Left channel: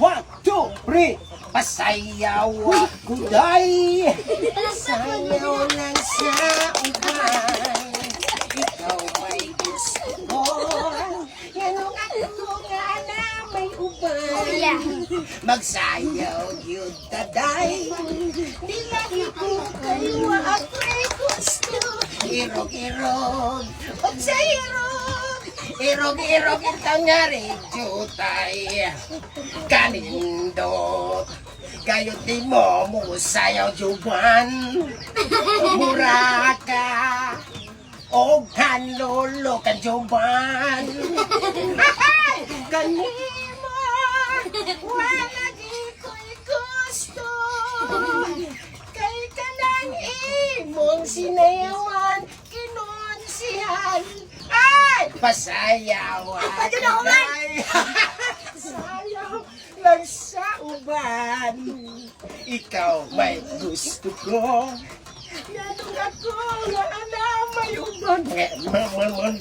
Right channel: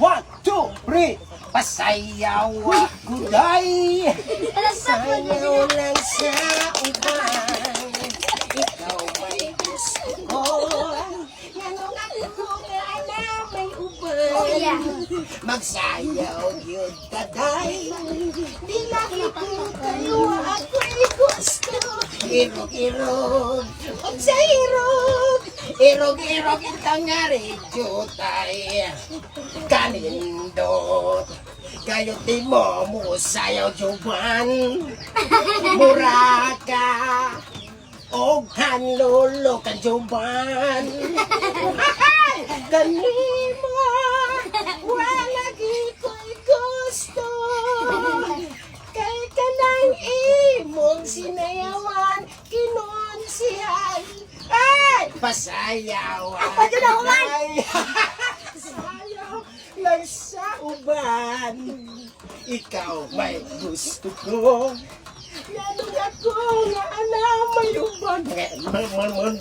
1, 2, 3. Pasayaw ako day. Sayaw lang sa uban. Ikaw may gusto ko. Yanong ako nga na may uban. Magsayaw yun taday. Di lang ako kayo ako'y gusto. Irog-irog, og sa irog. Irog-irog ito nga rin tay. Kanindot. Kayo di mo sayaw juban. Muraka. Og hanlolo kan juban. Kanimo. Wala ko'y gusto. Kay ka lang imong sinayawan. Kinunsihan. Ay! Pasayaw. Sayaw lang sa uban. Ikaw may gusto ko. Yanong ako nga ana may uban. Mga